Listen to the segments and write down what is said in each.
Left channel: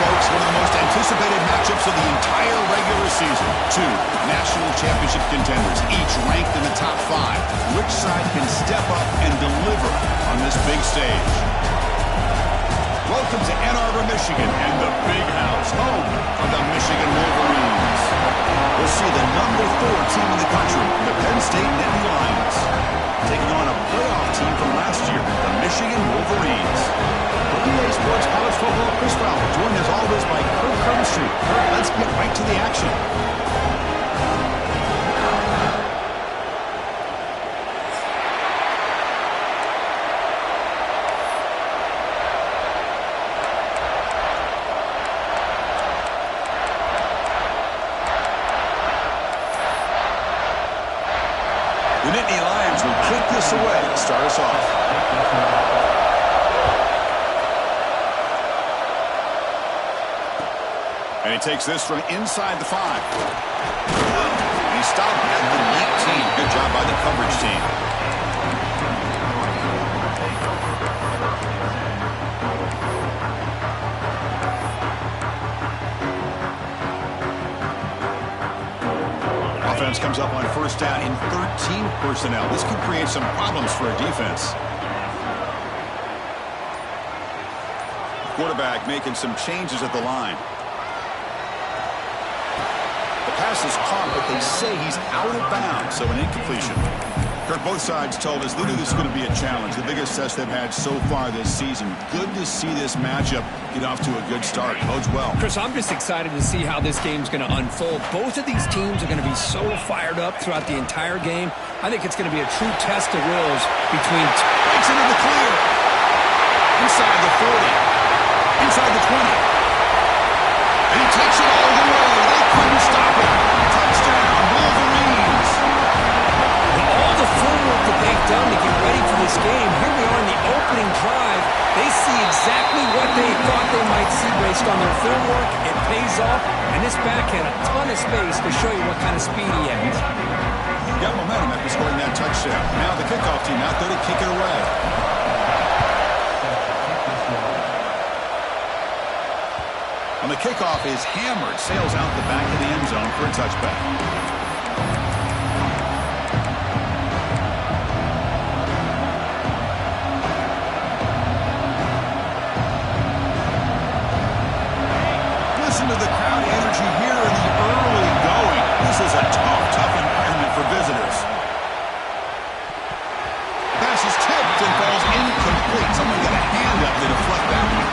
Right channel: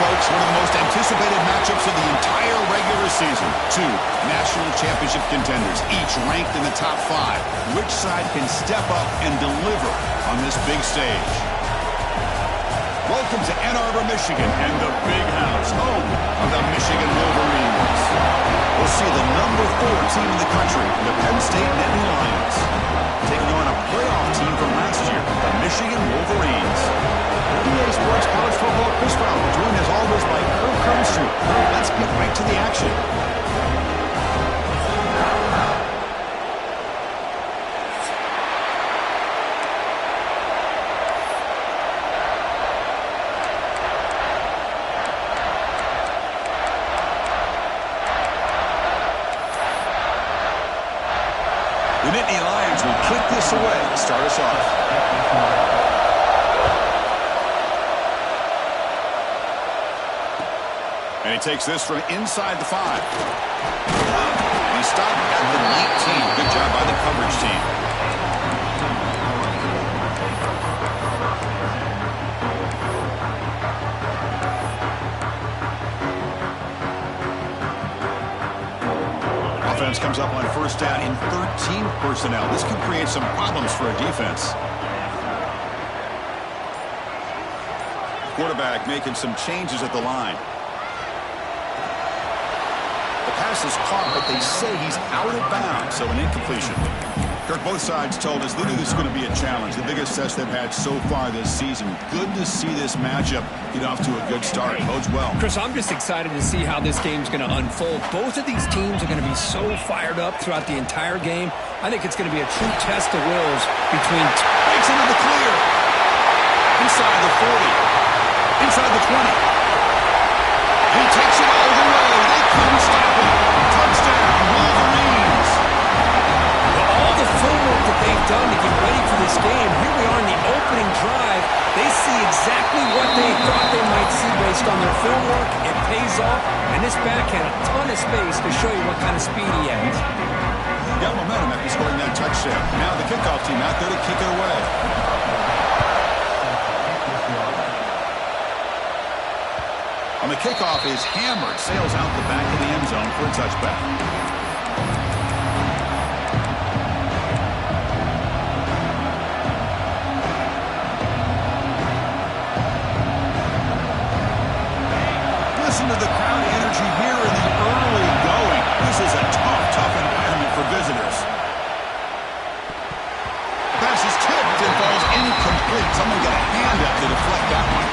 folks, one of the most anticipated matchups of the entire regular season. Two national championship contenders, each ranked in the top 5. Which side can step up and deliver on this big stage? Welcome to Ann Arbor, Michigan, and the Big House, home of the Michigan Wolverines. We'll see the number 4 team in the country, the Penn State Nittany Lions, taking on a playoff team from last year, the Michigan Wolverines. EA Sports College Football, Chris Fowler, joined as always by Kirk Curnstreet. Kirk, let's get right to the action. The Nittany Lions will kick this away to start us off. And he takes this from inside the 5. And he stopped at the 19. Good job by the coverage team. Offense comes up on first down in 13 personnel. This could create some problems for a defense. Quarterback making some changes at the line. The pass is caught, but they say he's out of bounds, so an incompletion. Kirk, both sides told us they knew this was going to be a challenge, the biggest test they've had so far this season. Good to see this matchup get off to a good start. Bodes well. Chris, I'm just excited to see how this game's going to unfold. Both of these teams are going to be so fired up throughout the entire game. I think it's going to be a true test of wills between... Breaks into the clear. Inside the 40. Inside the 20. And he takes it all the way. They couldn't stop it. Touchdown, Wolverines. All the filmwork that they've done to get ready for this game, here we are in the opening drive. They see exactly what they thought they might see based on their filmwork. It pays off, and this back had a ton of space to show you what kind of speed he has. Got momentum after scoring that touchdown. Now the kickoff team out there to kick it away. On the kickoff is hammered, sails out the back of the end zone for a touchback. Listen to the crowd energy here in the early going. This is a tough environment for visitors. The pass is tipped and falls incomplete. Someone got a hand up to deflect that one.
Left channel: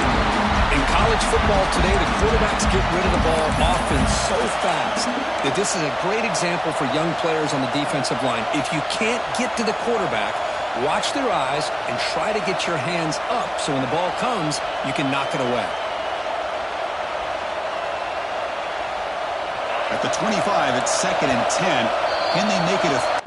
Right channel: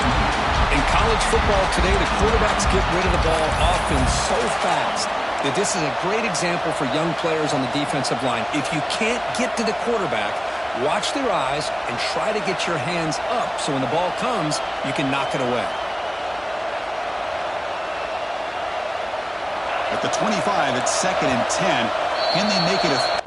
In college football today, the quarterbacks get rid of the ball often so fast that this is a great example for young players on the defensive line. If you can't get to the quarterback, watch their eyes and try to get your hands up so when the ball comes, you can knock it away. At the 25, it's 2nd and 10. Can they make it a...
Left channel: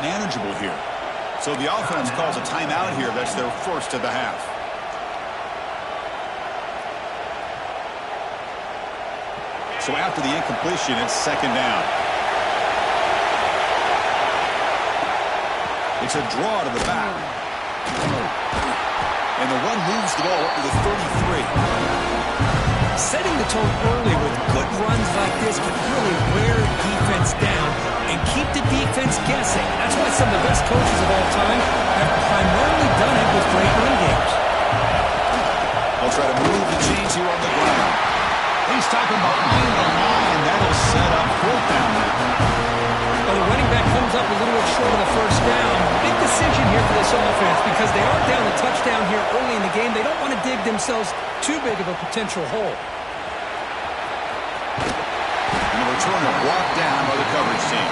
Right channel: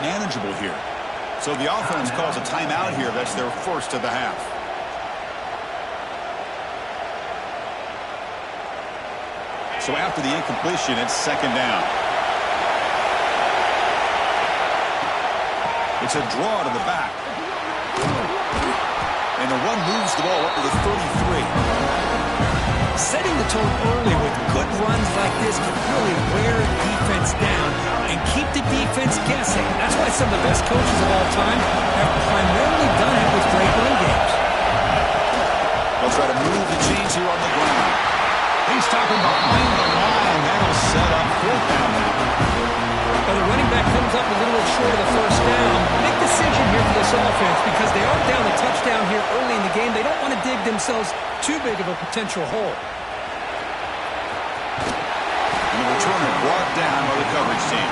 manageable here. So the offense calls a timeout here. That's their first of the half. So after the incompletion, it's 2nd down. It's a draw to the back. And the run moves the ball up to the 33. Setting the tone early with good runs like this can really wear defense down and keep the defense guessing. That's why some of the best coaches of all time have primarily done it with great run games. They'll try to move the chains here on the ground. He's stopping behind the line. That'll set up 4th down now. Well, the running back comes up a little bit short of the first down. Big decision here for this offense because they are down a touchdown here early in the game. They don't want to dig themselves too big of a potential hole. And the returner brought down by the coverage team.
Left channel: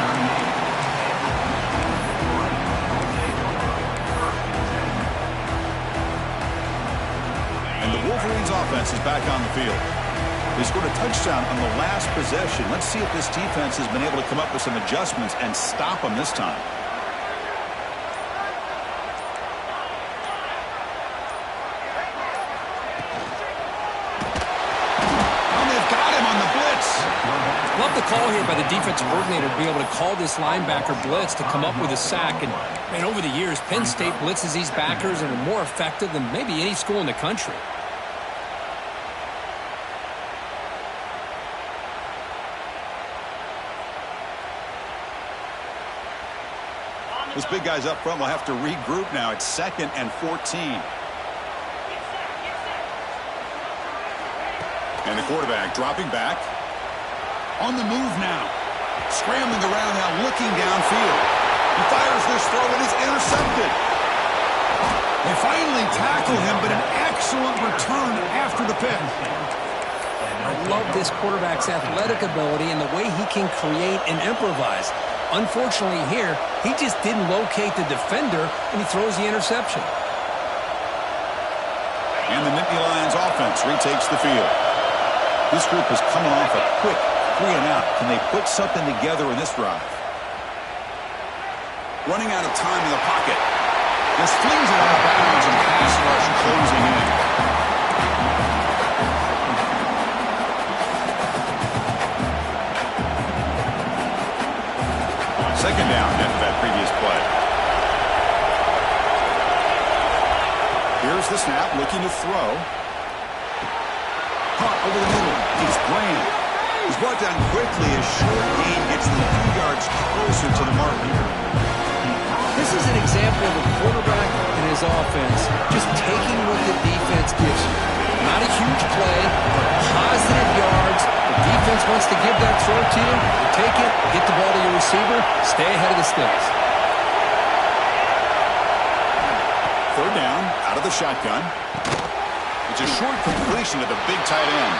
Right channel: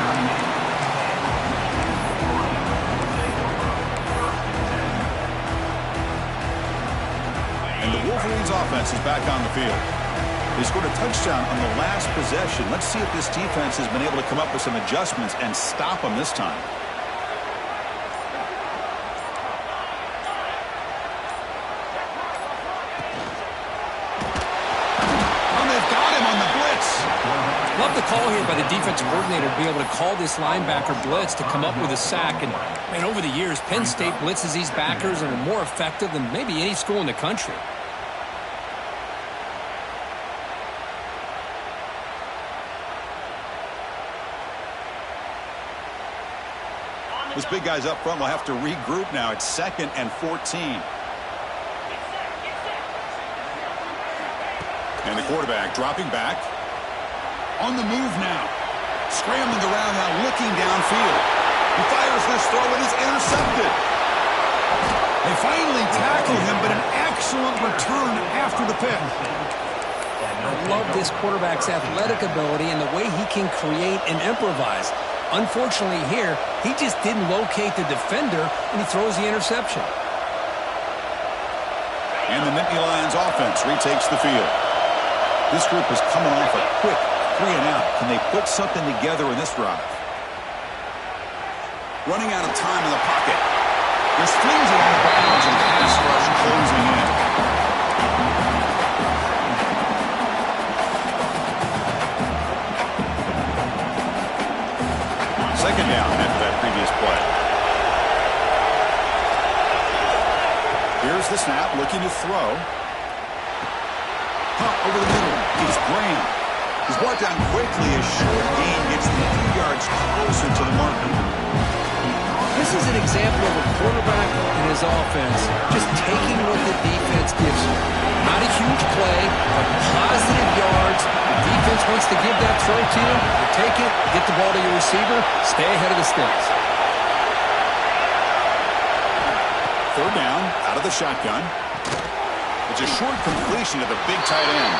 And the Wolverines offense is back on the field. They scored a touchdown on the last possession. Let's see if this defense has been able to come up with some adjustments and stop them this time. Love the call here by the defensive coordinator to be able to call this linebacker blitz to come up with a sack. And over the years, Penn State blitzes these backers and are more effective than maybe any school in the country. Those big guys up front will have to regroup now. It's 2nd and 14. And the quarterback dropping back. On the move now. Scrambling around now, looking downfield. He fires this throw and is intercepted. They finally tackle him, but an excellent return after the pick. I love this quarterback's athletic ability and the way he can create and improvise. Unfortunately here, he just didn't locate the defender, and he throws the interception. And the Nittany Lions offense retakes the field. This group is coming off a quick 3 and out. Can they put something together in this drive? Running out of time in the pocket. This flings it out of bounds and pass rush closing in. Second down after that previous play. Here's the snap, looking to throw. Caught over the middle. It's Graham. He's brought down quickly as short gain gets them a few yards closer to the marker. This is an example of a quarterback and his offense just taking what the defense gives you. Not a huge play, but positive yards. The defense wants to give that throw to you. You take it, get the ball to your receiver, stay ahead of the sticks. Third down, out of the shotgun. It's a short completion to the big tight end.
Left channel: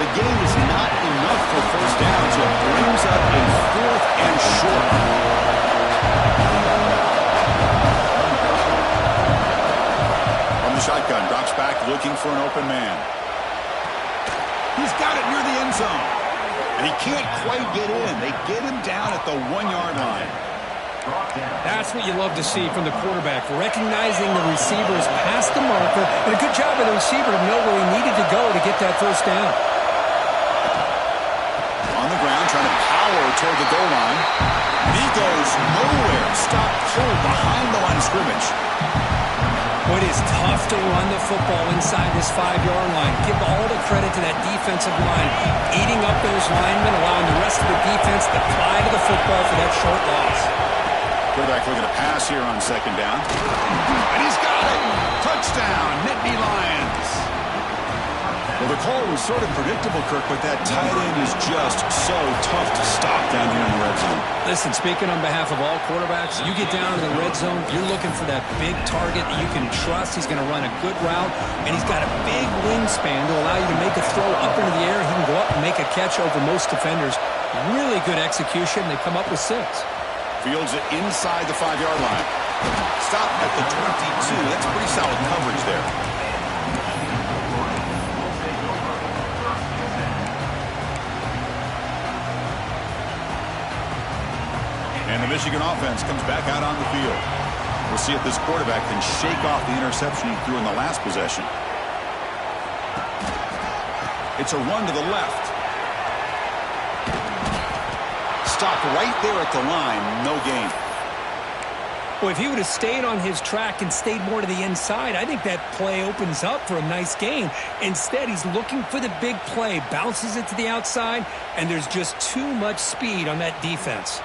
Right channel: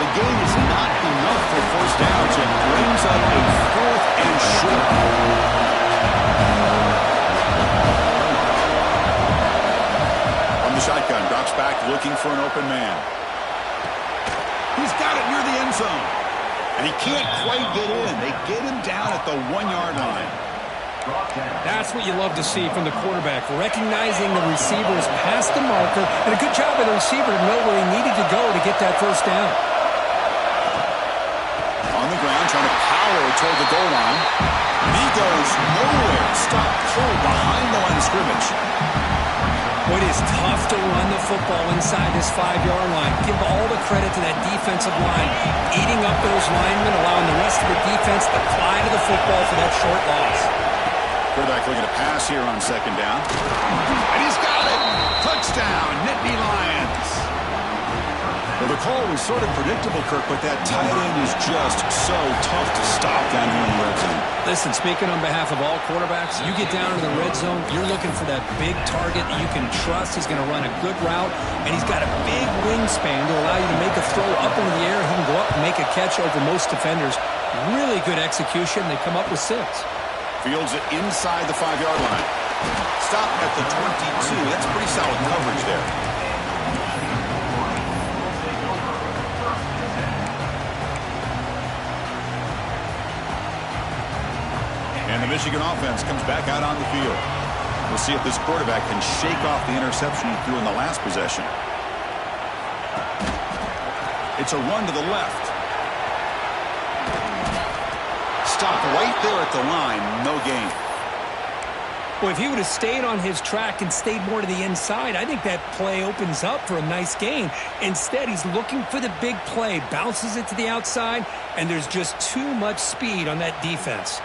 The gain is not enough for first down, so it brings up a 4th and short. From the shotgun, drops back looking for an open man. He's got it near the end zone. And he can't quite get in. They get him down at the 1-yard line. That's what you love to see from the quarterback, recognizing the receiver is past the marker, and a good job by the receiver to know where he needed to go to get that first down. On the ground, trying to power toward the goal line. And he goes nowhere. Stopped cold behind the line of scrimmage. It is tough to run the football inside this 5-yard line. Give all the credit to that defensive line, eating up those linemen, allowing the rest of the defense to fly to the football for that short loss. Quarterback looking to pass here on second down. And he's got it! Touchdown, Nittany Lions! Well, the call was sort of predictable, Kirk, but that tight end is just so tough to stop down here in the red zone. Listen, speaking on behalf of all quarterbacks, you get down to the red zone, you're looking for that big target that you can trust. He's going to run a good route, and he's got a big wingspan to allow you to make a throw up into the air. He can go up and make a catch over most defenders. Really good execution. They come up with 6. Fields it inside the 5-yard line. Stop at the 22. That's pretty solid coverage there. And the Michigan offense comes back out on the field. We'll see if this quarterback can shake off the interception he threw in the last possession. It's a run to the left. Stopped right there at the line. No gain. Well, if he would have stayed on his track and stayed more to the inside, I think that play opens up for a nice gain. Instead, he's looking for the big play, bounces it to the outside, and there's just too much speed on that defense.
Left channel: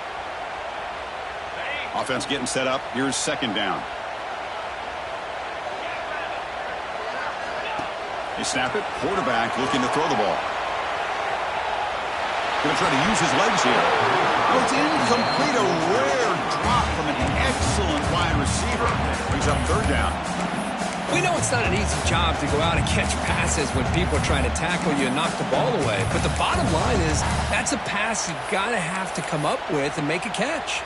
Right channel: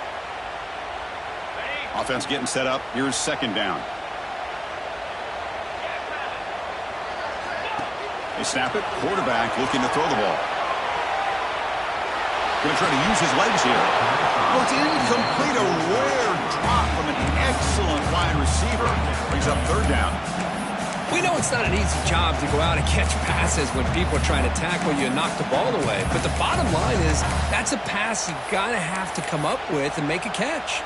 Offense getting set up. Here's second down. They snap it. Quarterback looking to throw the ball. Going to try to use his legs here. Oh, it's incomplete. A rare drop from an excellent wide receiver. Brings up third down. We know it's not an easy job to go out and catch passes when people are trying to tackle you and knock the ball away. But the bottom line is that's a pass you got to have to come up with and make a catch.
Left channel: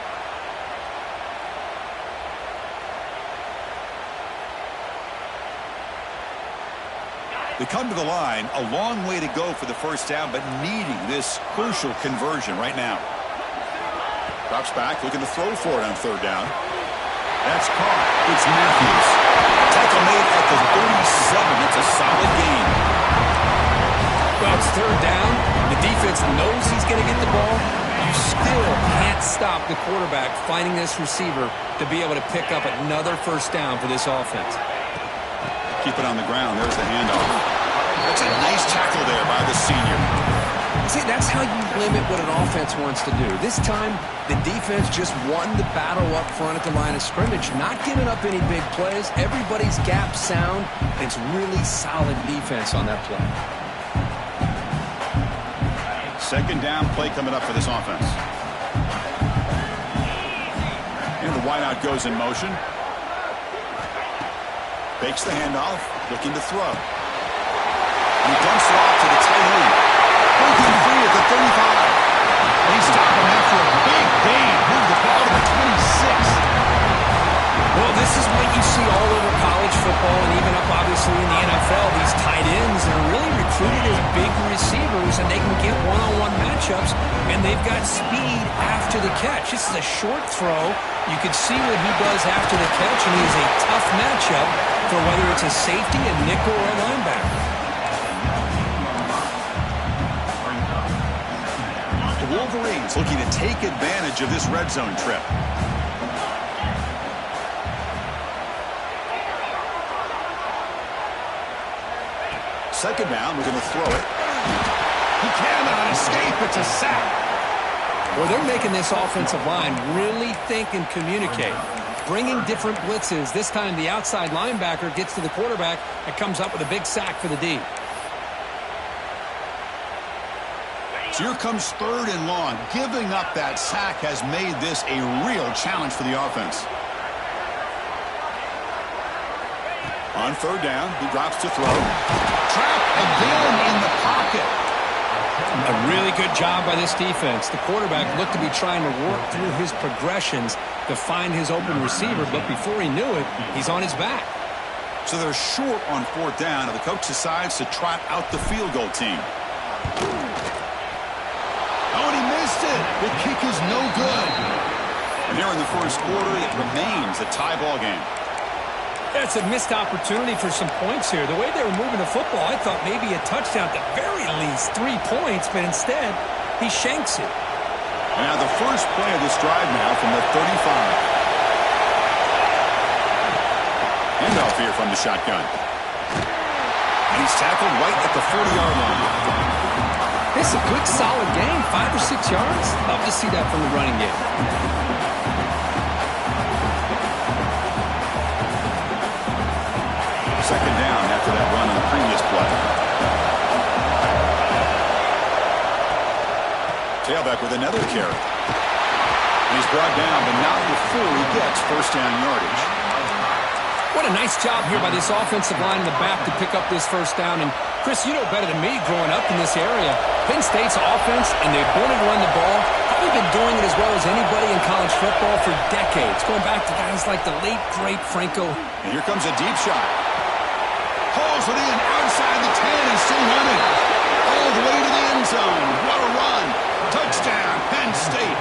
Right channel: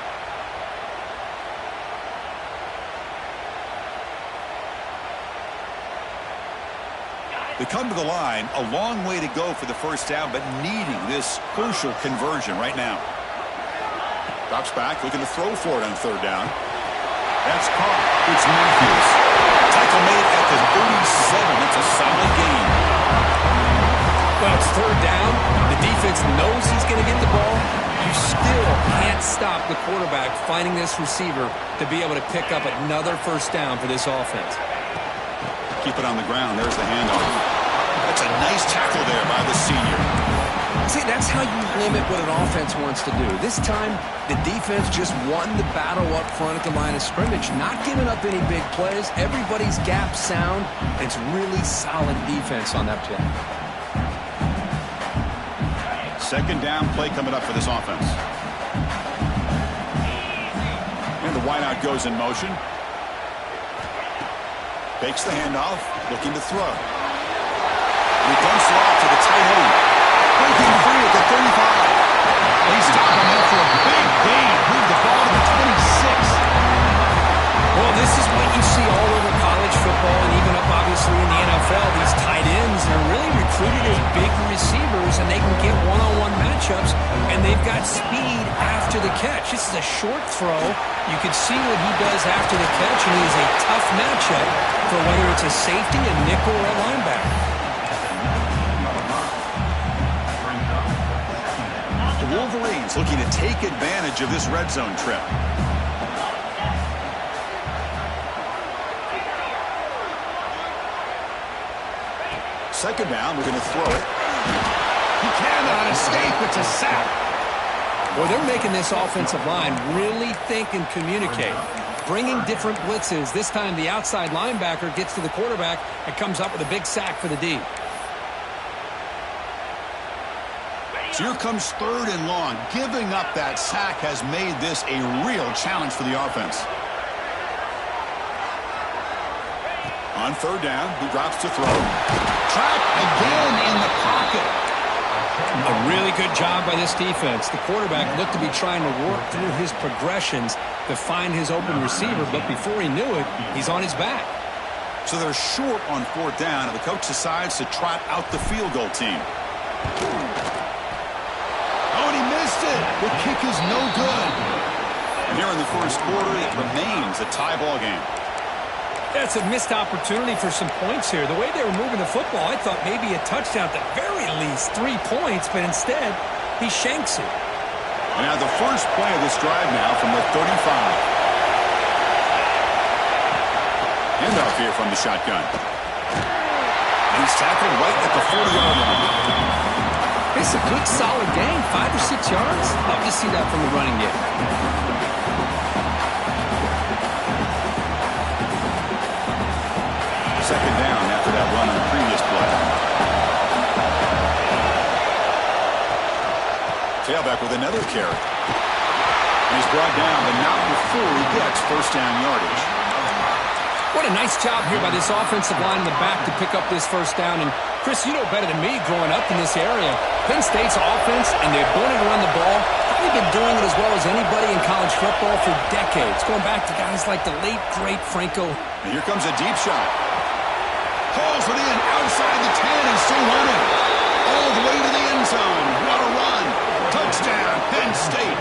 They come to the line, a long way to go for the first down, but needing this crucial conversion right now. Drops back, looking to throw for it on third down. That's caught. It's Matthews. Tackle made at the 37. That's a solid gain. Well, it's third down. The defense knows he's going to get the ball. You still can't stop the quarterback finding this receiver to be able to pick up another first down for this offense. Keep it on the ground. There's the handoff. That's a nice tackle there by the senior. See, that's how you limit what an offense wants to do. This time, the defense just won the battle up front at the line of scrimmage, not giving up any big plays. Everybody's gap sound, and it's really solid defense on that play. Second down play coming up for this offense. And the wideout goes in motion. Fakes the handoff, looking to throw. And he dumps it off to the tight end. Breaking free at the 35. They stop him after a big gain. Move the ball to the 26. Well, this is what you see all over college football and even up, obviously, in the NFL. These tight ends are really recruited as big receivers, and they can get one-on-one matchups, and they've got speed after the catch. This is a short throw. You can see what he does after the catch, and he is a tough matchup for whether it's a safety, a nickel, or a linebacker. The Wolverines looking to take advantage of this red zone trip. Second down, we're going to throw it. He cannot escape. It's a sack. Well, they're making this offensive line really think and communicate. Bringing different blitzes. This time the outside linebacker gets to the quarterback and comes up with a big sack for the D. So here comes third and long. Giving up that sack has made this a real challenge for the offense. On third down, he drops to throw. Trapped again in the pocket. A really good job by this defense. The quarterback looked to be trying to work through his progressions to find his open receiver, but before he knew it, he's on his back. So they're short on fourth down, and the coach decides to trot out the field goal team. Oh, and he missed it. The kick is no good. And here in the first quarter, it remains a tie ball game. It's a missed opportunity for some points here. The way they were moving the football, I thought maybe a touchdown at the very least, 3 points, but instead, he shanks it. And now the first play of this drive now from the 35. Handoff here from the shotgun. And he's tackled right at the 40-yard line. It's a good, solid game, 5 or 6 yards. Love to see that from the running game. Second down after that run on the previous play. Tailback with another carry. And he's brought down, but not before he gets first down yardage. What a nice job here by this offensive line in the back to pick up this first down. And, Chris, you know better than me growing up in this area. Penn State's offense and the ability to run the ball, probably been doing it as well as anybody in college football for decades, going back to guys like the late, great Franco. And here comes a deep shot. Hauls it in outside the 10 and still running. All the way to the end zone. What a run. Touchdown, Penn State.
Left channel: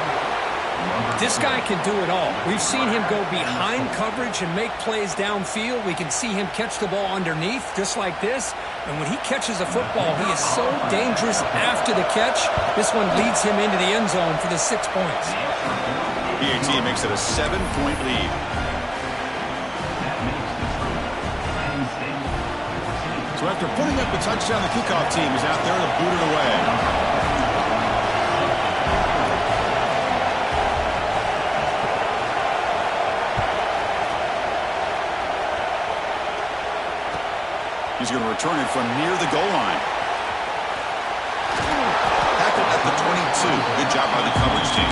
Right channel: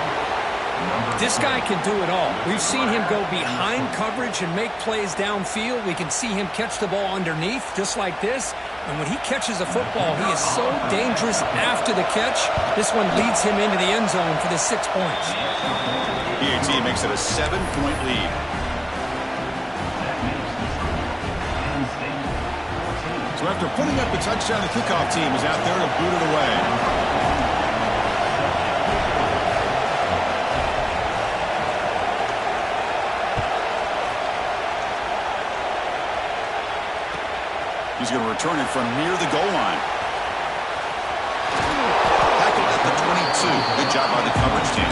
This guy can do it all. We've seen him go behind coverage and make plays downfield. We can see him catch the ball underneath just like this. And when he catches a football, he is so dangerous after the catch. This one leads him into the end zone for the 6 points. PAT makes it a 7-point lead. So after putting up a touchdown, the kickoff team is out there to boot it away. He's going to return it from near the goal line. Tackled at the 22. Good job by the coverage team.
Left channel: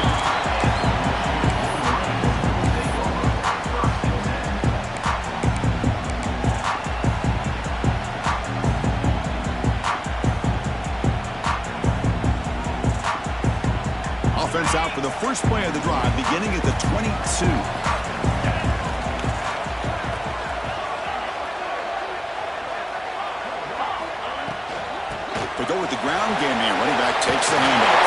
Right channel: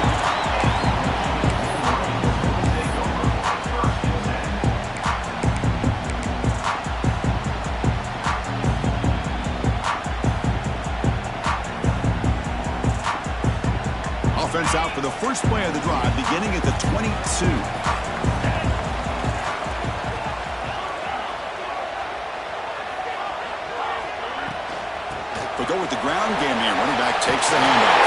offense out for the first play of the drive, beginning at the 22. They go with the ground game here. Running back takes the handoff.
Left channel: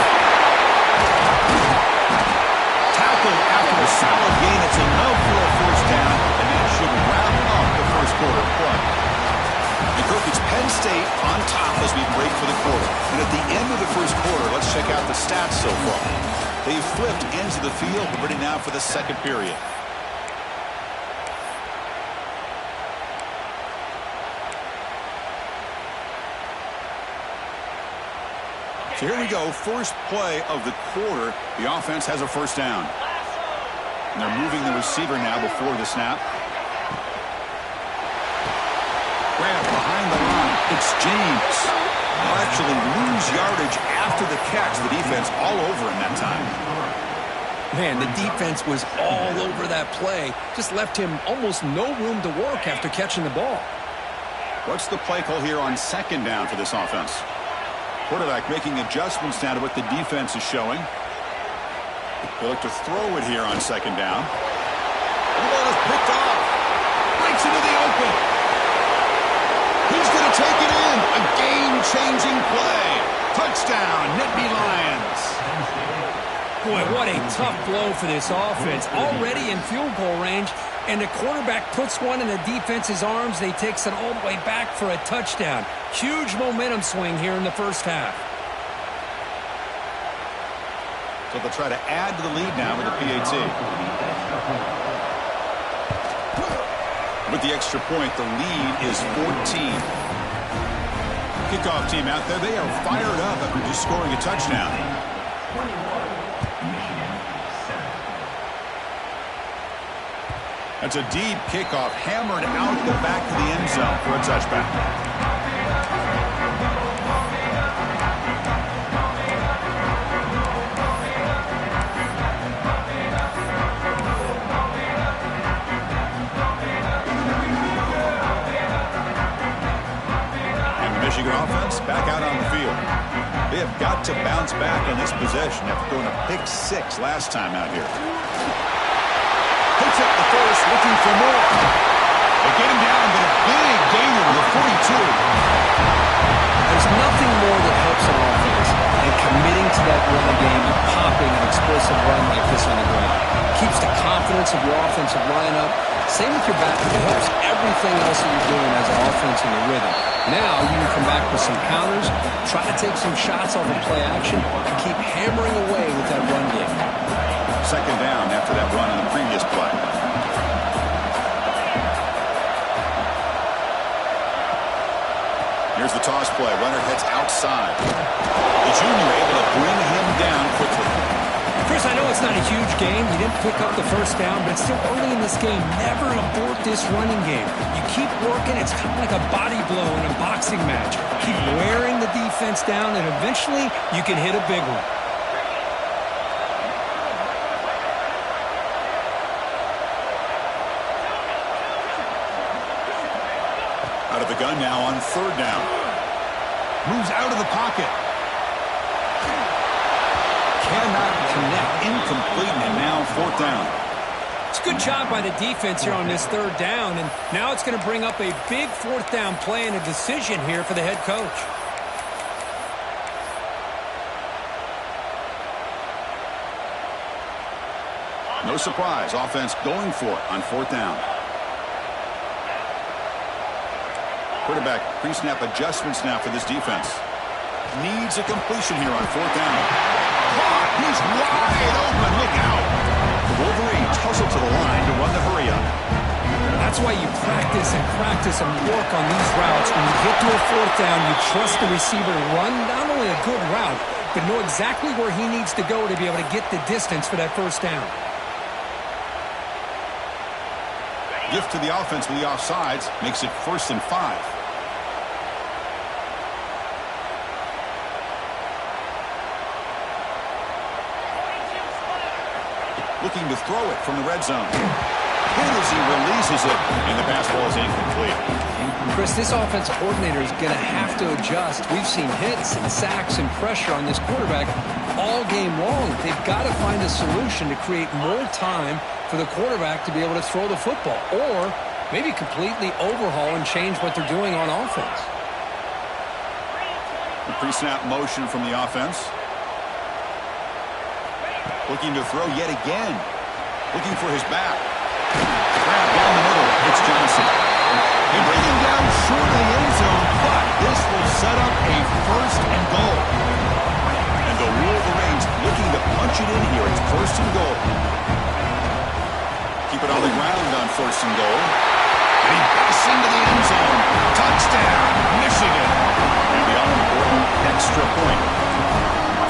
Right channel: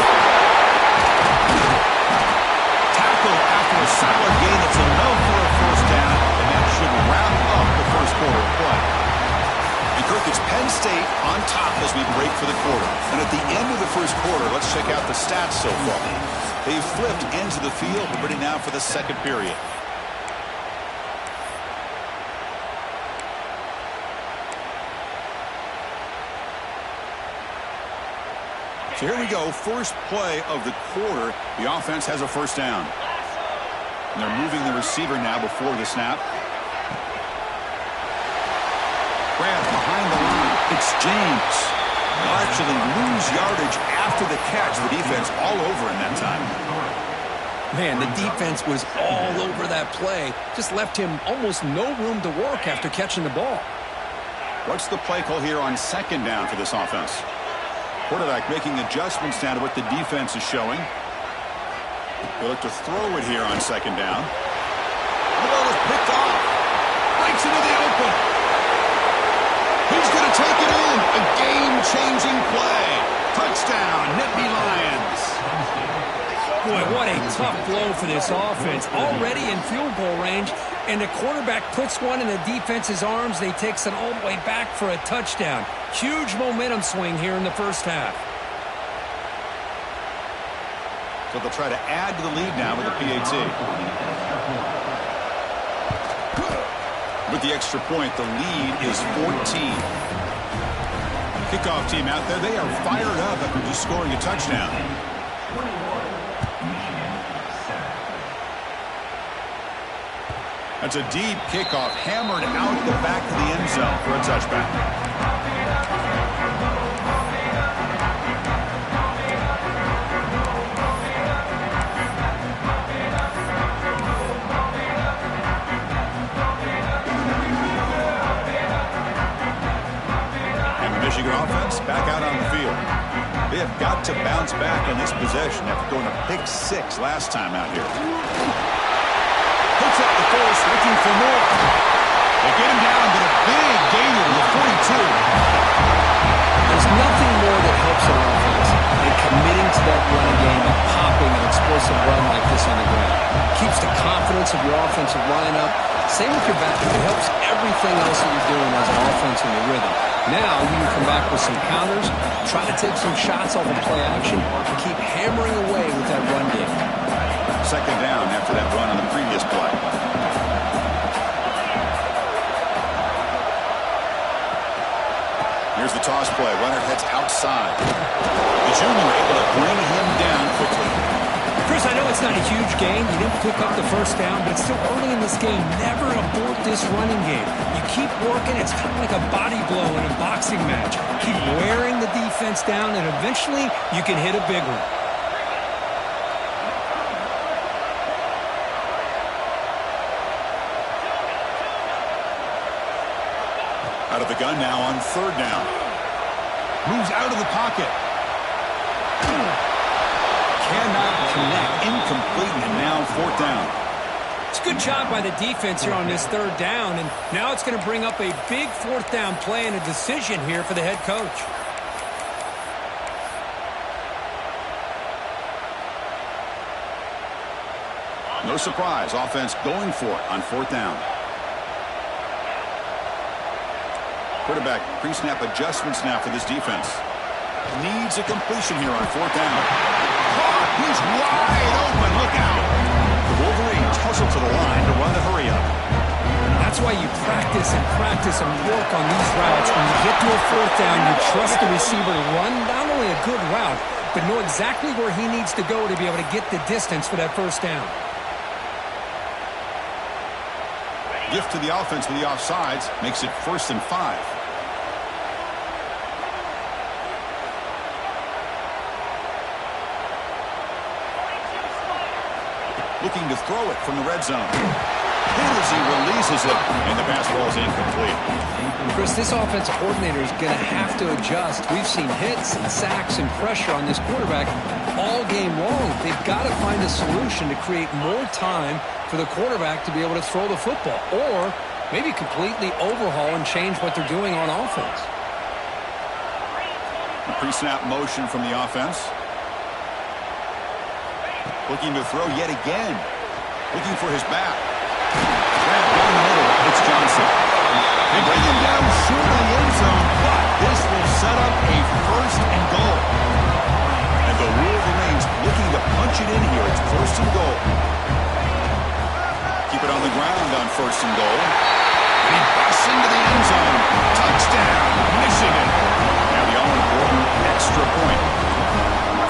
Tackle after a solid gain. It's enough for a first down, and that should wrap up the first quarter of play. And Kirk, it's Penn State on top as we break for the quarter. And at the end of the first quarter, let's check out the stats so far. They've flipped ends of the field. We're ready now for the second period. So here we go, first play of the quarter. The offense has a first down. And they're moving the receiver now before the snap. Grab behind the line. It's James. They'll actually lose yardage after the catch. The defense all over in that time. Man, the defense was all over that play. Just left him almost no room to work after catching the ball. What's the play call here on second down for this offense? Quarterback making adjustments now to what the defense is showing. They look to throw it here on second down. And the ball is picked off. Breaks into the open. He's going to take it in. A game-changing play. Touchdown, Nittany Lions. Boy, what a tough blow for this offense. Already in field goal range, and the quarterback puts one in the defense's arms. They takes it all the way back for a touchdown. Huge momentum swing here in the first half. So they'll try to add to the lead now with the PAT. With the extra point, the lead is 14. Kickoff team out there, they are fired up after just scoring a touchdown. That's a deep kickoff, hammered out the back of the end zone for a touchback. And the Michigan offense back out on the field. They have got to bounce back on this possession after throwing a pick six last time out here. Puts up the first, looking for more. They get him down, but a big gainer to the 42. There's nothing more that helps an offense than committing to that running game and popping an explosive run like this on the ground. Keeps the confidence of your offensive lineup. Same with your back. It helps everything else that you're doing as an offense in your rhythm. Now you can come back with some counters, try to take some shots off of play action, and keep hammering away with that run game. Second down after that run on the previous play. Here's the toss play. Runner heads outside. The junior able to bring him down quickly. Chris, I know it's not a huge gain. You didn't pick up the first down, but it's still early in this game. Never abort this running game. You keep working. It's kind of like a body blow in a boxing match. Keep wearing the defense down, and eventually you can hit a big one. Out of the gun now on third down. Moves out of the pocket. Cannot connect. Incomplete, and now fourth down. It's a good job by the defense here on this third down, and now it's going to bring up a big fourth down play and a decision here for the head coach. No surprise. Offense going for it on fourth down. Quarterback pre-snap adjustments now for this defense. Needs a completion here on fourth down. Caught! He's wide open. Look out! The Wolverines hustle to the line to run the hurry up. That's why you practice and work on these routes. When you get to a fourth down, you trust the receiver to run not only a good route, but know exactly where he needs to go to be able to get the distance for that first down. Gift to the offense with the offsides makes it 1st and 5. Looking to throw it from the red zone. Hit as he releases it, and the pass ball is incomplete. Chris, this offensive coordinator is going to have to adjust. We've seen hits and sacks and pressure on this quarterback all game long. They've got to find a solution to create more time for the quarterback to be able to throw the football, or maybe completely overhaul and change what they're doing on offense. A pre-snap motion from the offense. Looking to throw yet again. Looking for his back. Grab down the middle. It's Johnson. They bring him down short of the end zone, but this will set up a first and goal. And the Wolverines looking to punch it in here. It's first and goal. Keep it on the ground on first and goal. And he busts into the end zone. Touchdown, Michigan. Now the all-important extra point.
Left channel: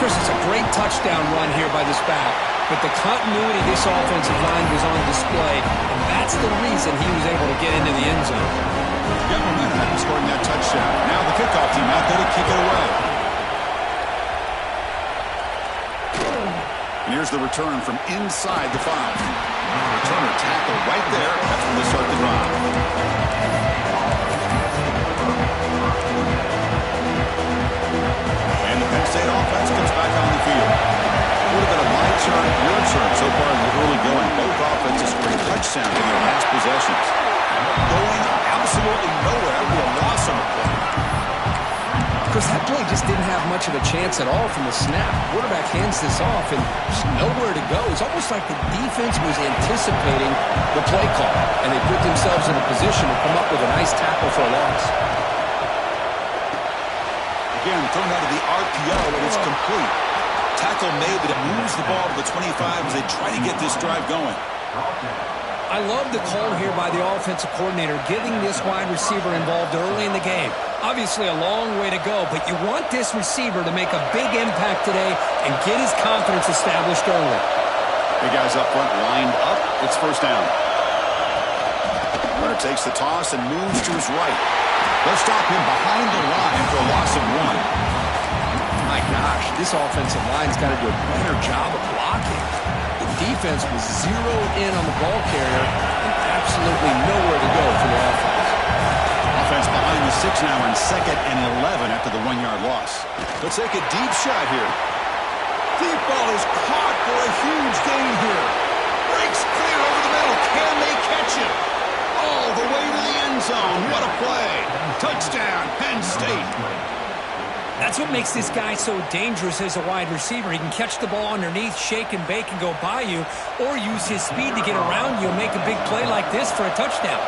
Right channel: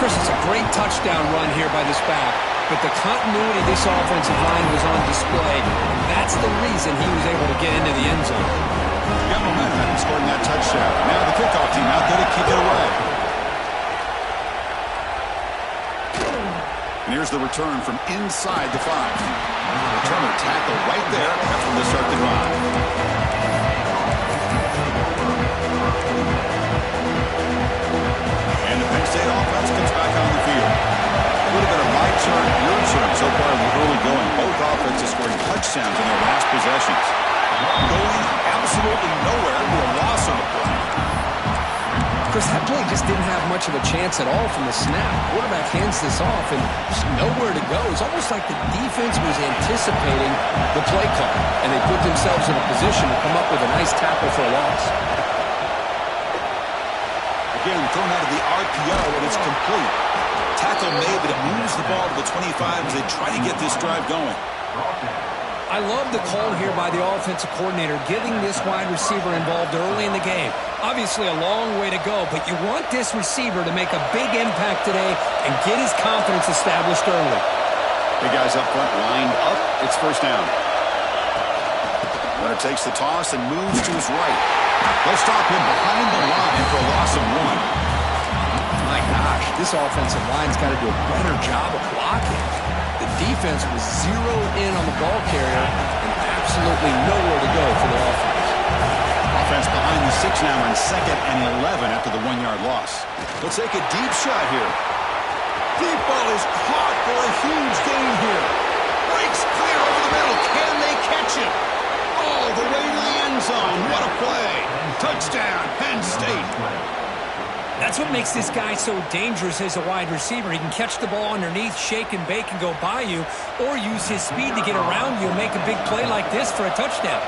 Chris, it's a great touchdown run here by this back, but the continuity of this offensive line was on display, and that's the reason he was able to get into the end zone. Got momentum after scoring that touchdown. Now the kickoff team out there to kick it away. And here's the return from inside the 5. Returner tackled right there. That's when they start the drive. And the Penn State offense comes back on the field. Would have been a my turn, your turn so far in the early going. Both offenses scoring touchdowns in their last possessions. Going absolutely nowhere. That would be a loss on the play. Chris, that play just didn't have much of a chance at all from the snap. Quarterback hands this off and just nowhere to go. It's almost like the defense was anticipating the play call, and they put themselves in a position to come up with a nice tackle for a loss. Again, thrown out of the RPO, and it's complete. Tackle made, but it moves the ball to the 25 as they try to get this drive going. I love the call here by the offensive coordinator, getting this wide receiver involved early in the game. Obviously a long way to go, but you want this receiver to make a big impact today and get his confidence established early. Big guys up front lined up. It's first down. Runner takes the toss and moves to his right. They'll stop him behind the line for a loss of 1. My gosh, this offensive line's got to do a better job of blocking. The defense was zeroed in on the ball carrier and absolutely nowhere to go for the offense. Offense behind the 6 now in 2nd and 11 after the 1-yard loss. They'll take a deep shot here. Deep ball is caught for a huge gain here. Breaks clear over the middle. Can they catch him? All the way to the end zone. What a play. Touchdown, Penn State. That's what makes this guy so dangerous as a wide receiver. He can catch the ball underneath, shake and bake, and go by you, or use his speed to get around you and make a big play like this for a touchdown.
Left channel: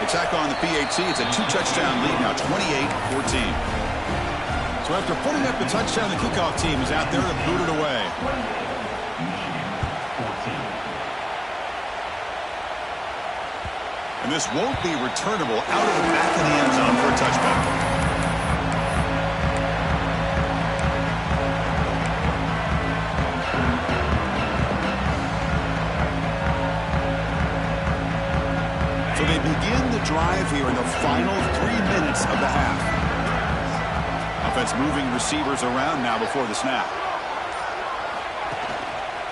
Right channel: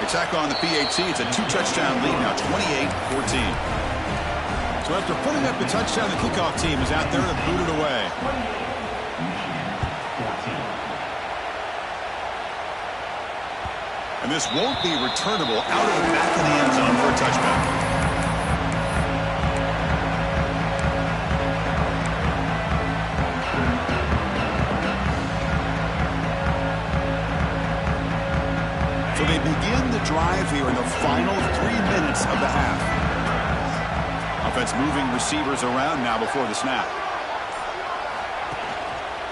They tack on the PAT. It's a 2-touchdown lead now, 28-14. So after putting up the touchdown, the kickoff team is out there to boot it away. And this won't be returnable out of the back of the end zone for a touchback. So they begin the drive here in the final 3 minutes of the half. Offense moving receivers around now before the snap.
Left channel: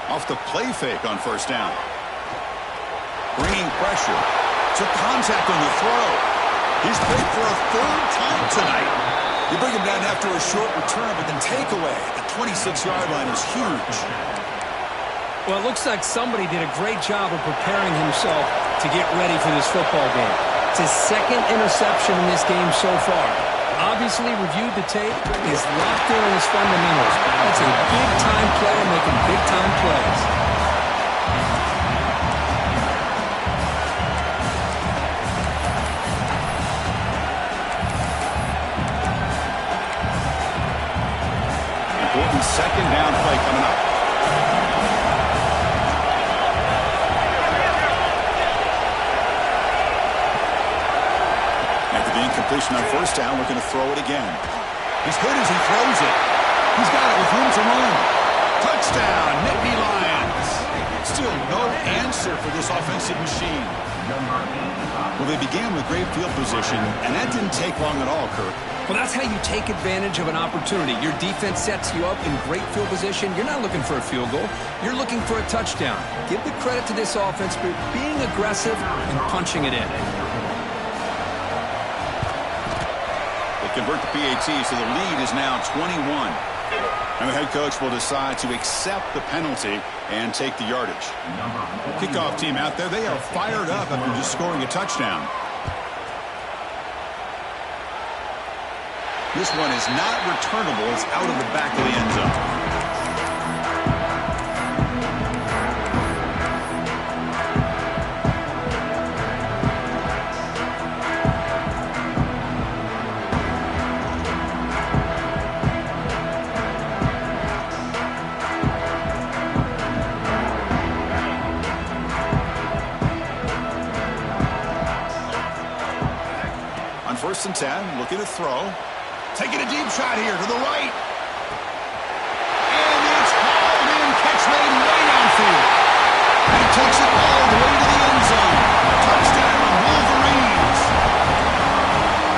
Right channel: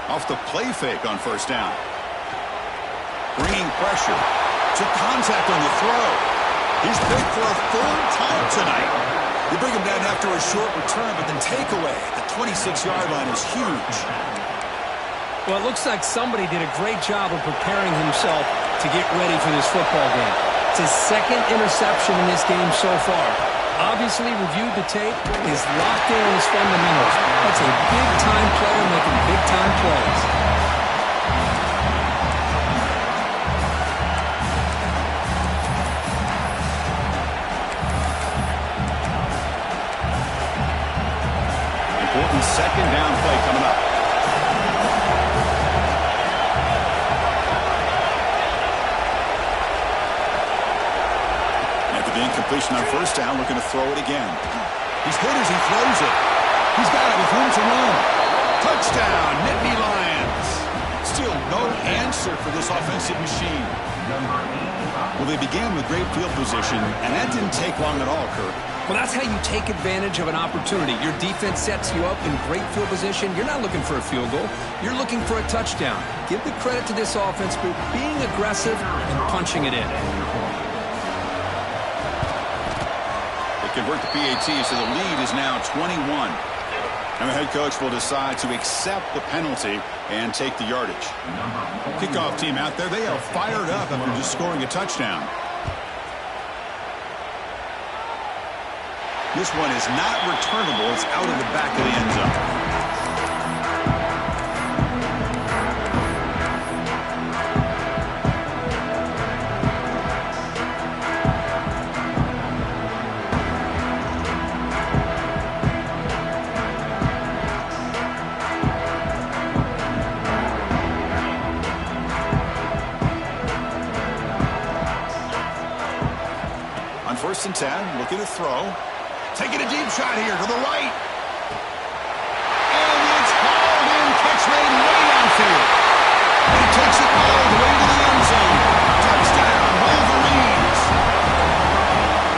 Off the play fake on first down. Bringing pressure. Took contact on the throw. He's picked for a 3rd time tonight. You bring him down after a short return, but the takeaway at the 26-yard line is huge. Well, it looks like somebody did a great job of preparing himself to get ready for this football game. It's his 2nd interception in this game so far. Obviously reviewed the tape, is locked in on his fundamentals. That's a big-time player making big-time plays. Important 2nd down play coming up. The incompletion on first down, looking to throw it again. He's hit as he throws it. He's got it with room to run. Touchdown, Nittany Lions. Still no answer for this offensive machine. Well, they began with great field position, and that didn't take long at all, Kirk. Well, that's how you take advantage of an opportunity. Your defense sets you up in great field position. You're not looking for a field goal. You're looking for a touchdown. Give the credit to this offense for being aggressive and punching it in. They convert the PAT, so the lead is now 21. And the head coach will decide to accept the penalty and take the yardage. Kickoff team out there, they are fired up after just scoring a touchdown. This one is not returnable. It's out of the back of the end zone. On 1st and 10, looking to throw. Taking a deep shot here to the right. And it's hauled in. Catch made way downfield. And he takes it all the way to the end zone. Touchdown, Wolverines.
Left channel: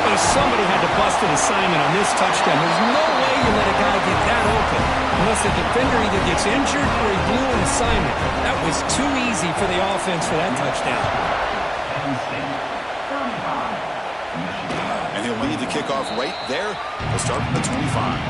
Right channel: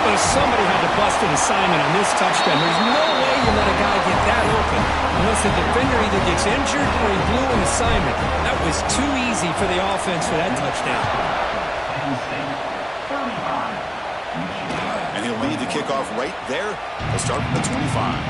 But if somebody had to bust an assignment on this touchdown, there's no way you let a guy get that open unless the defender either gets injured or he blew an assignment. That was too easy for the offense for that touchdown. And he'll lead the kickoff right there. He'll start from the 25.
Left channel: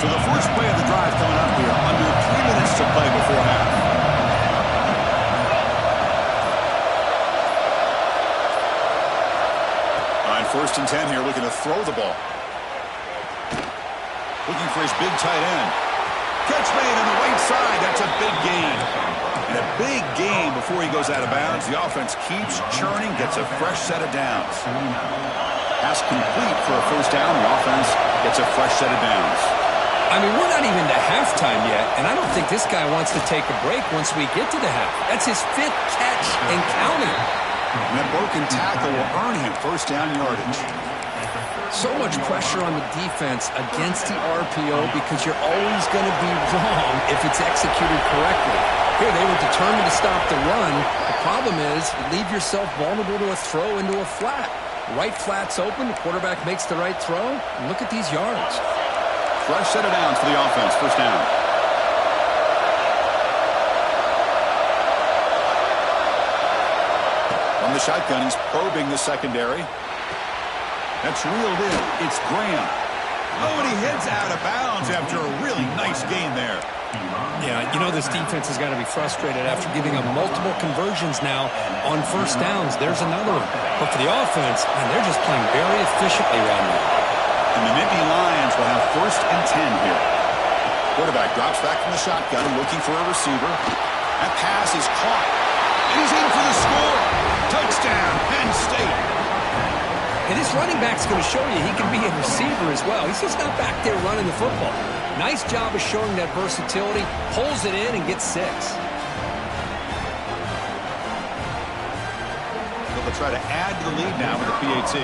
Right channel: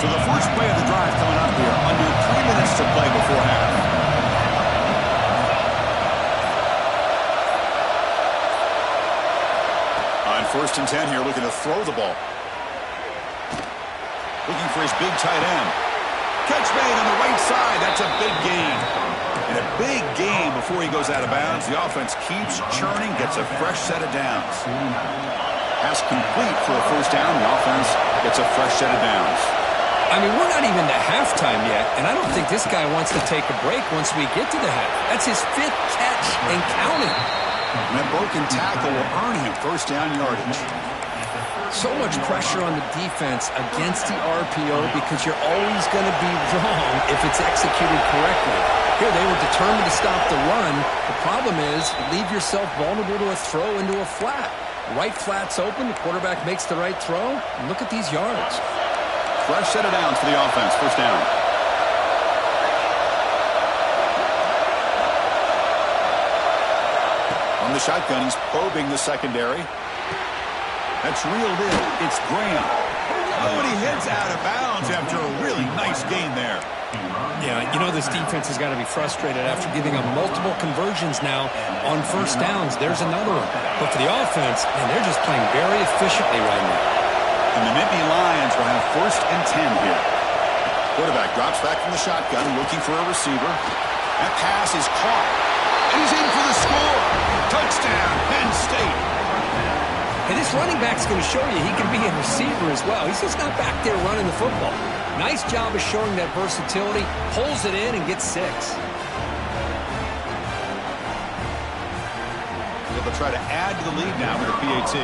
So the first play of the drive coming up here. Under 3 minutes to play before half. On 1st and 10 here, looking to throw the ball. Looking for his big tight end. Catch made on the right side. That's a big gain. And a big gain before he goes out of bounds. The offense keeps churning, gets a fresh set of downs. Pass complete for a first down. The offense gets a fresh set of downs. I mean, we're not even to halftime yet, and I don't think this guy wants to take a break once we get to the half. That's his 5th catch and counting. And that broken tackle will earn him first down yardage. So much pressure on the defense against the RPO because you're always going to be wrong if it's executed correctly. Here, they were determined to stop the run. The problem is you leave yourself vulnerable to a throw into a flat. Right flat's open. The quarterback makes the right throw. And look at these yards. Fresh set of downs for the offense. First down. On the shotgun, he's probing the secondary. That's reeled in. It's Graham. Oh, and he heads out of bounds after a really nice gain there. Yeah, you know this defense has got to be frustrated after giving up multiple conversions now on first downs. There's another one. But for the offense, man, they're just playing very efficiently right now. And the Nittany Lions will have 1st and 10 here. Quarterback drops back from the shotgun, looking for a receiver. That pass is caught. And he's in for the score. Touchdown, Penn State. Hey, this running back's going to show you he can be a receiver as well. He's just not back there running the football. Nice job of showing that versatility. Pulls it in and gets 6. They'll try to add to the lead now with the PAT.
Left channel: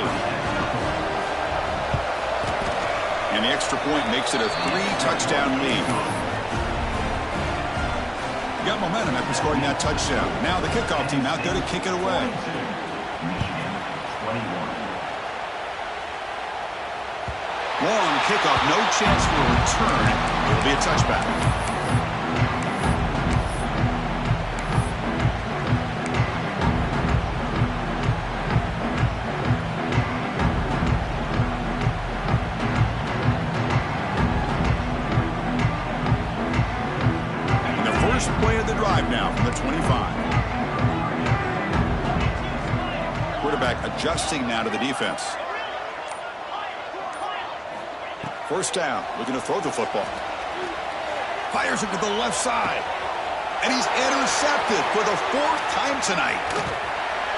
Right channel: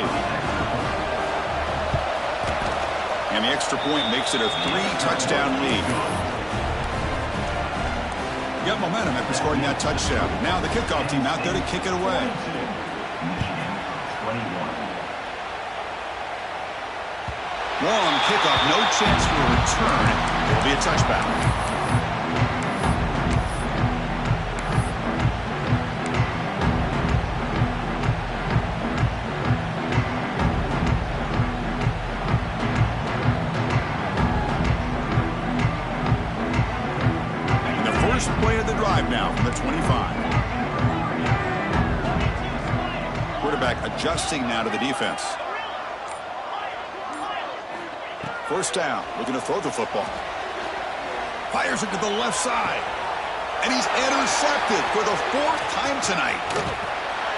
And the extra point makes it a 3-touchdown lead. Got momentum after scoring that touchdown. Now the kickoff team out there to kick it away. Long kickoff, no chance for a return. It'll be a touchback. And the first play of the drive now from the 25. Quarterback adjusting now to the defense. First down, looking to throw the football. Fires it to the left side. And he's intercepted for the 4th time tonight.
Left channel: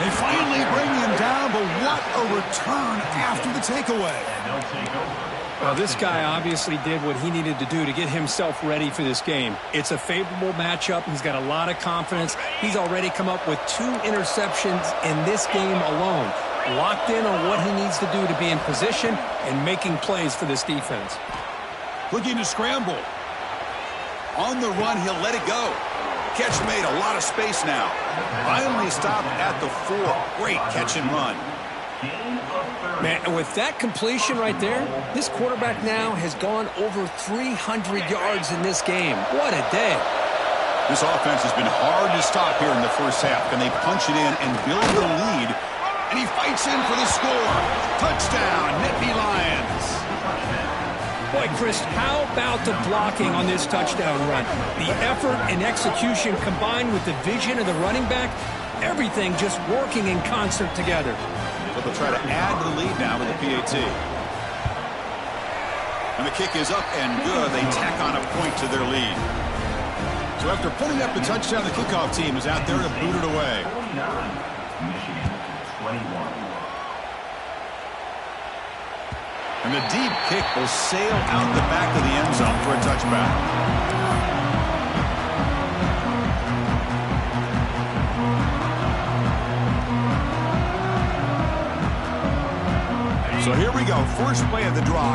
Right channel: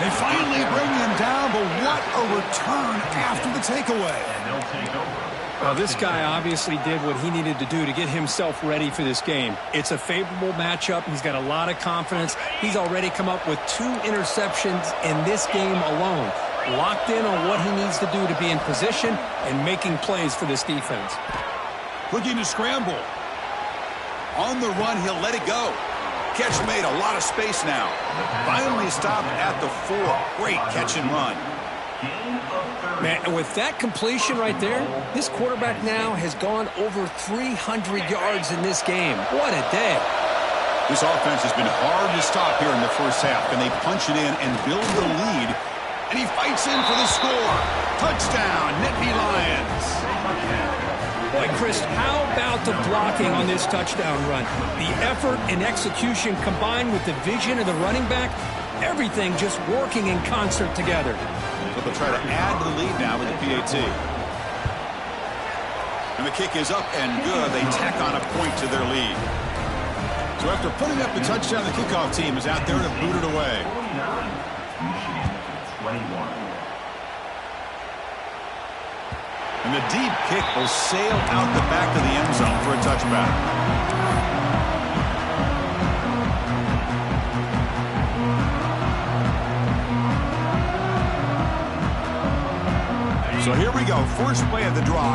They finally bring him down, but what a return after the takeaway. Well, this guy obviously did what he needed to do to get himself ready for this game. It's a favorable matchup. He's got a lot of confidence. He's already come up with 2 interceptions in this game alone. locked in on what he needs to do to be in position and making plays for this defense. Looking to scramble. On the run, he'll let it go. Catch made, a lot of space now. Finally stopped at the 4. Great catch and run. Man, with that completion right there, this quarterback now has gone over 300 yards in this game. What a day. This offense has been hard to stop here in the first half. Can they punch it in and build the lead? And he fights in for the score. Touchdown, Nittany Lions. Boy, Chris, how about the blocking on this touchdown run? The effort and execution combined with the vision of the running back, everything just working in concert together. So they'll try to add to the lead now with the PAT. And the kick is up and good. They tack on a point to their lead. So after putting up the touchdown, the kickoff team is out there to boot it away. 49, Michigan 21. And the deep kick will sail out the back of the end zone for a touchback. So here we go, first play of the drive.